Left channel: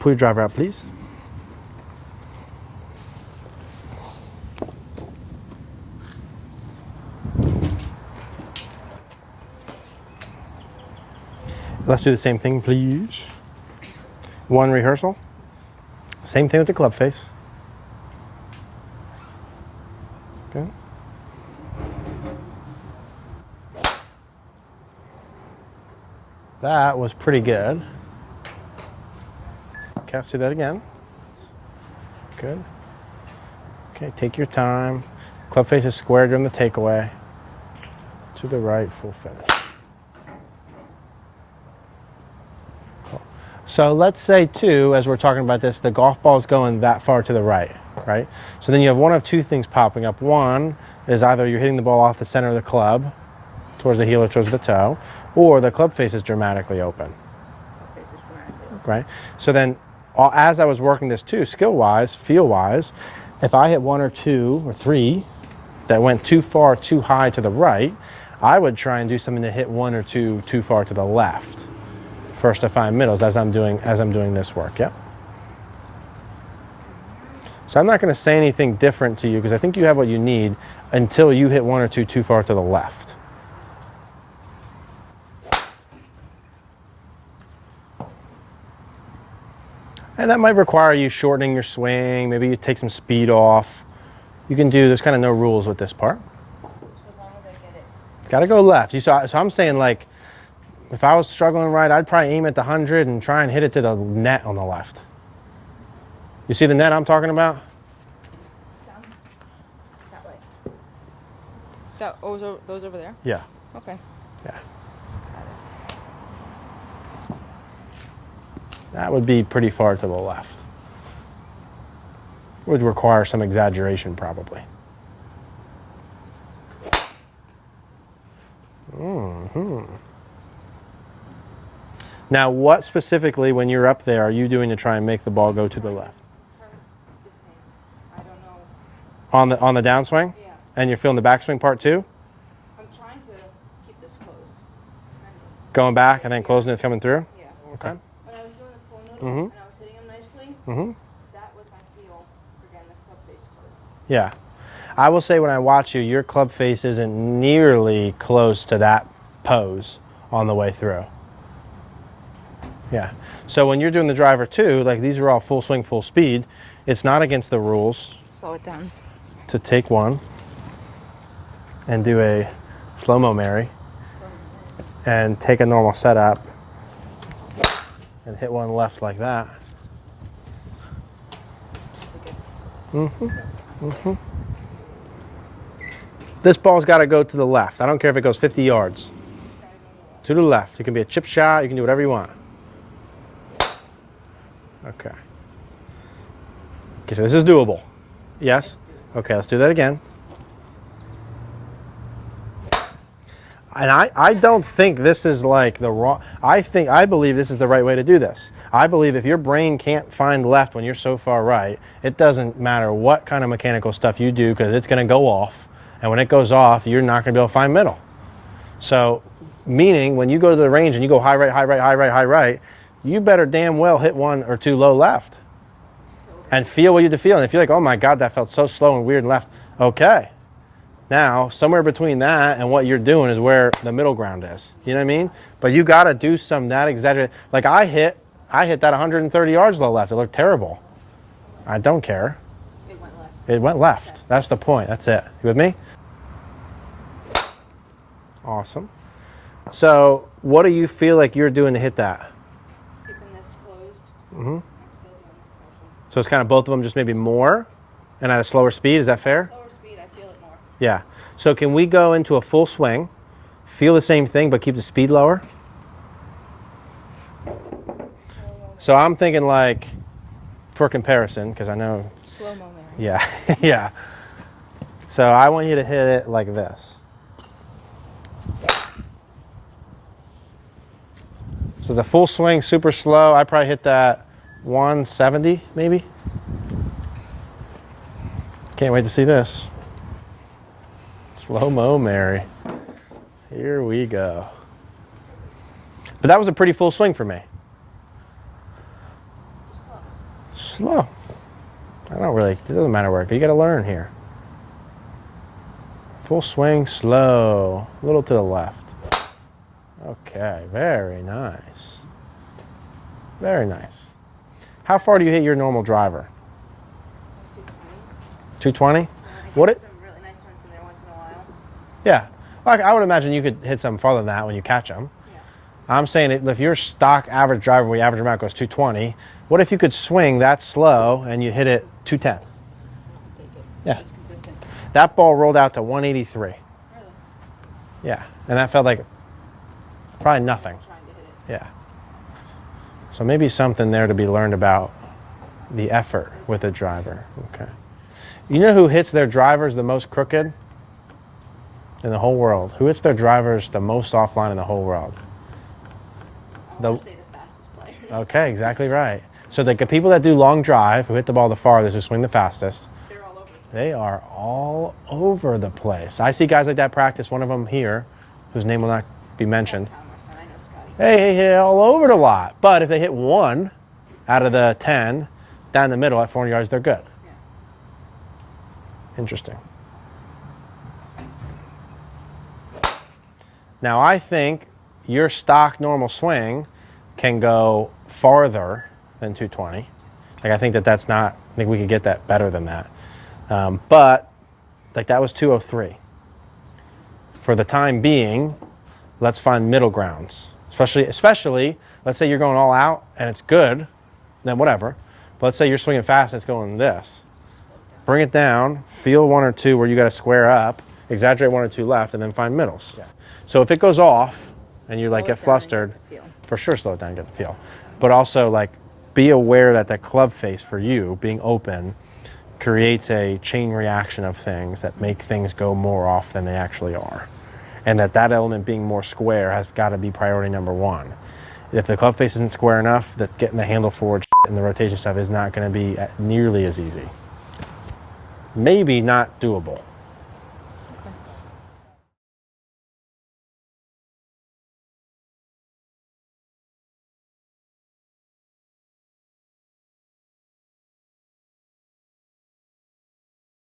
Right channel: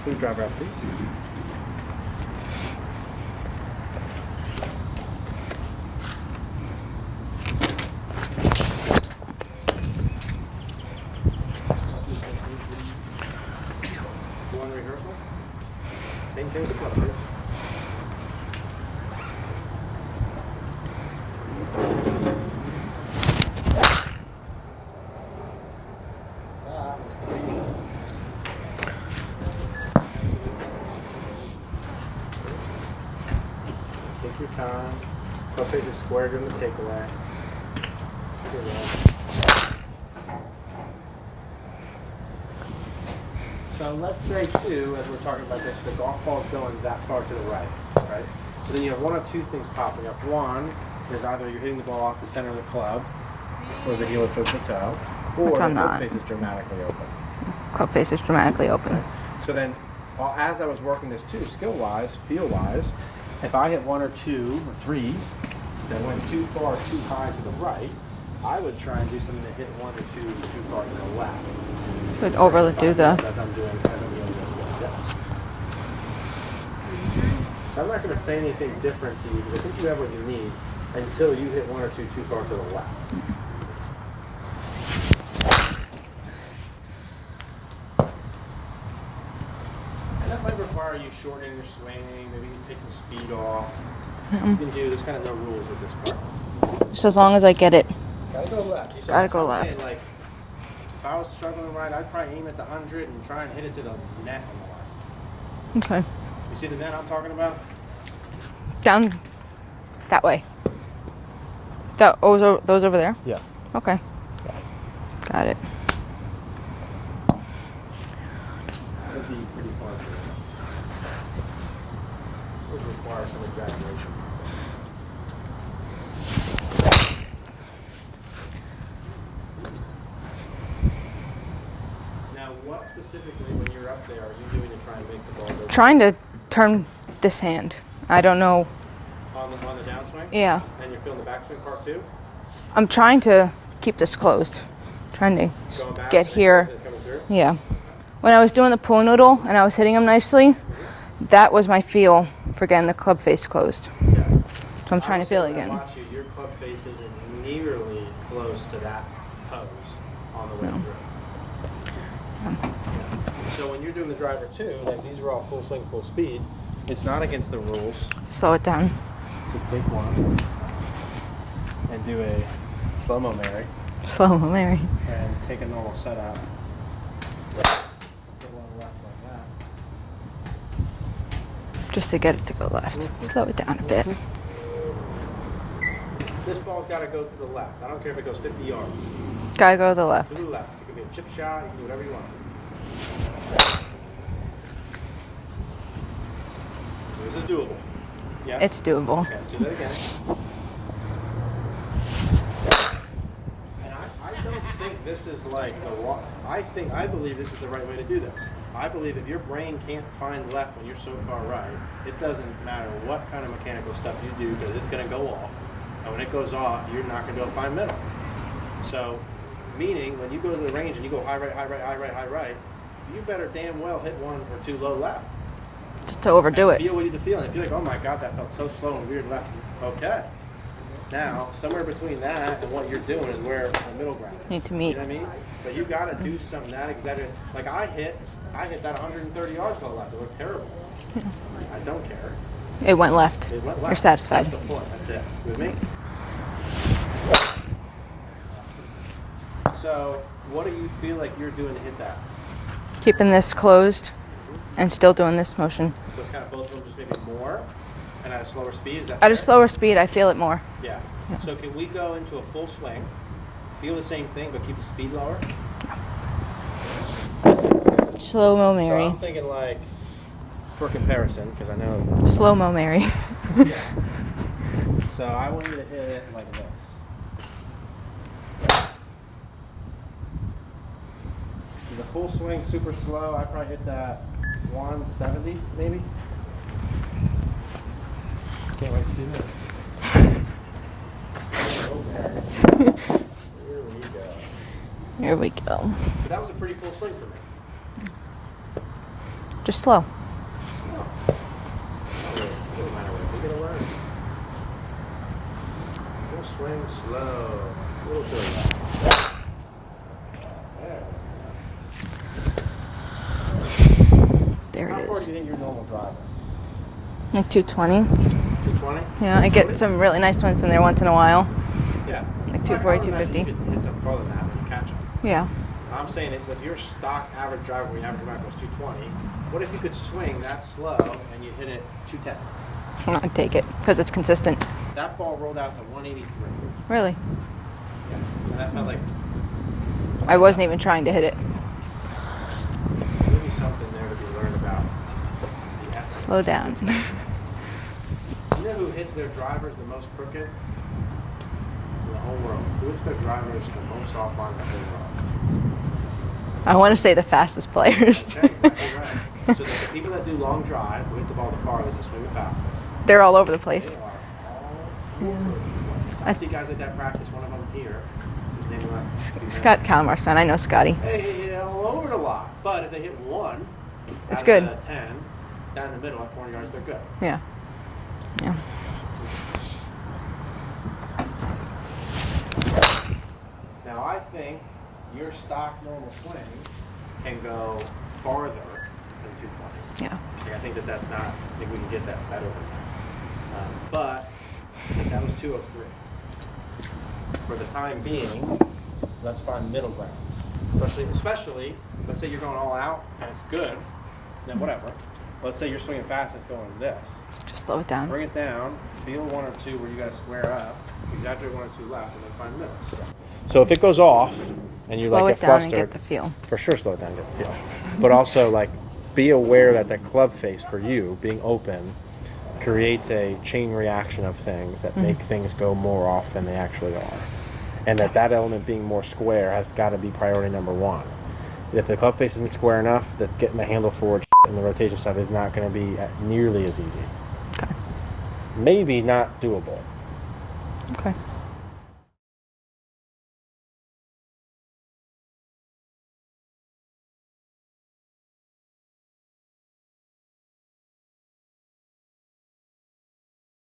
Pull your driver out, please. Let's do the same thing, please. One rehearsal. Same thing with the club face. Okay. That was pretty good. Okay, let's do that again. Good. Okay, take your time. Club face is square during the takeaway. To the right. So let's say too, as we're talking about this, the golf ball is going that far to the right, right? So then you have one of two things popping up. One is either you're hitting the ball off the center of the club, towards the heel or towards the toe, or the club face is dramatically open. Club face is dramatically open. Right? So then, as I was working this too, skill-wise, feel-wise, if I hit one or two or three that went too far, too high to the right, I would try and do something to hit one or two too far to the left. First to 5 minutes as I'm doing this work, yeah. So I'm not going to say anything different to you because I think you have what you need until you hit one or two too far to the left. And that might require you shortening your swing. Maybe you take some speed off. You can do. There's kind of no rules with this part. Just as long as I get it. Got to go left. So I'm saying like. If I was struggling right, I'd probably aim at the 100 and try and hit it to the net on the left. Okay. You see the net I'm talking about? Down that way. Those over there? Yeah. Okay. Yeah. Got it. That would be pretty far to the left. Would require some exaggeration probably. Mm-hmm. Now, what specifically, when you're up there, are you doing to try and make the ball go? Trying to turn this hand. I don't know. On the downswing? Yeah. And you're feeling the backswing part too? I'm trying to keep this closed. Trying to going back get and then here. closing it coming through? Yeah. Okay. When I was doing the pool noodle and I was hitting them nicely, that was my feel for getting the club face closed. Yeah. So I will say when I watch you, your club face isn't nearly close to that pose on the way through. Yeah. So when you're doing the driver too, like these are all full swing, full speed, it's not against the rules. Slow it down. To take one and do a slow-mo Mary. Slow-mo Mary. And take a normal setup and hit one left like that. Just to get it to go left. Slow it down a bit. This ball's got to go to the left. I don't care if it goes 50 yards. Gotta go to the left. To the left. It can be a chip shot. You can do whatever you want. Okay. Okay, so this is doable. Yes? It's doable. Okay, let's do that again. And I don't think this is like the wrong, I believe this is the right way to do this. I believe if your brain can't find left when you're so far right, it doesn't matter what kind of mechanical stuff you do because it's going to go off. And when it goes off, you're not going to be able to find middle. So, meaning when you go to the range and you go high right, high right, high right, high right, you better damn well hit one or two low left. Just to overdo it. And feel what you feel. And if you're like, oh my God, that felt so slow and weird left. Okay. Now, somewhere between that and what you're doing is where the middle ground is. You know what I mean? But you got to do some that exaggerated. Like I hit that 130 yards low left. It looked terrible. Yeah. I don't care. It went left. It went left. You're satisfied. That's the point. That's it. You with me? Awesome. So, what do you feel like you're doing to hit that? Keeping this closed and still doing this motion. So it's kind of both of them, just maybe more and at a slower speed. Is that fair? At a slower speed, I feel it more. Yeah. So can we go into a full swing, feel the same thing, but keep the speed lower? Slow-mo Mary. So I'm thinking like, for comparison, because I know. Slow-mo Mary. Yeah. Yeah. So I want you to hit it like this. So the full swing, super slow. I probably hit that 170, maybe. Can't wait to see this. Slow-mo Mary. Here we go. Here we go. But that was a pretty full swing for me. Just slow. Slow. It doesn't matter where, but you got to learn here. Full swing, slow. A little to the left. Okay, very nice. Very nice. How far do you hit your normal driver? Like 220. 220? Yeah, I get some really nice ones in there once in a while. Yeah. Like I would imagine you could hit something farther than that when you catch them. Yeah. I'm saying if your stock average driver, when you average them out, goes 220, what if you could swing that slow and you hit it 210? I'd take it because it's consistent. That ball rolled out to 183. Really? Yeah. And that felt like I wasn't nothing. even trying to hit it. Yeah. So maybe something there to be learned about the effort Slow down. with the driver. Okay. You know who hits their drivers the most crooked in the whole world? Who hits their drivers the most offline in the whole world? I want to say the fastest players. Okay, exactly right. So the people that do long drive, who hit the ball the farthest, who swing the fastest, They're all over the place. they are all over the place. I see guys like that practice. One of them here, whose name will not be mentioned. Scott Calamar's son. I know Scotty. They hit it all over the lot. But if they hit one out of good. the 10 down the middle at 400 yards, they're good. Yeah. Yeah. Interesting. Now I think your stock normal swing can go farther than 220. Yeah. Like I think that's not. I think we could get that better than that. But like that was 203. For the time being, let's find middle grounds. Especially, let's say you're going all out and it's good, then whatever. But let's say you're swinging fast and it's going this. Just slow it down. Bring it down, feel one or two where you got to square up, exaggerate one or two left, and then find middles. So if it goes off and you slow like it get down flustered, and get the feel. for sure slow it down and get the feel. But also like be aware that the club face for you being open creates a chain reaction of things that make things go more off than they actually are. And that element being more square has got to be priority number one. If the club face isn't square enough, that getting the handle forward and the rotation stuff is not going to be nearly as easy. Maybe not doable. Okay.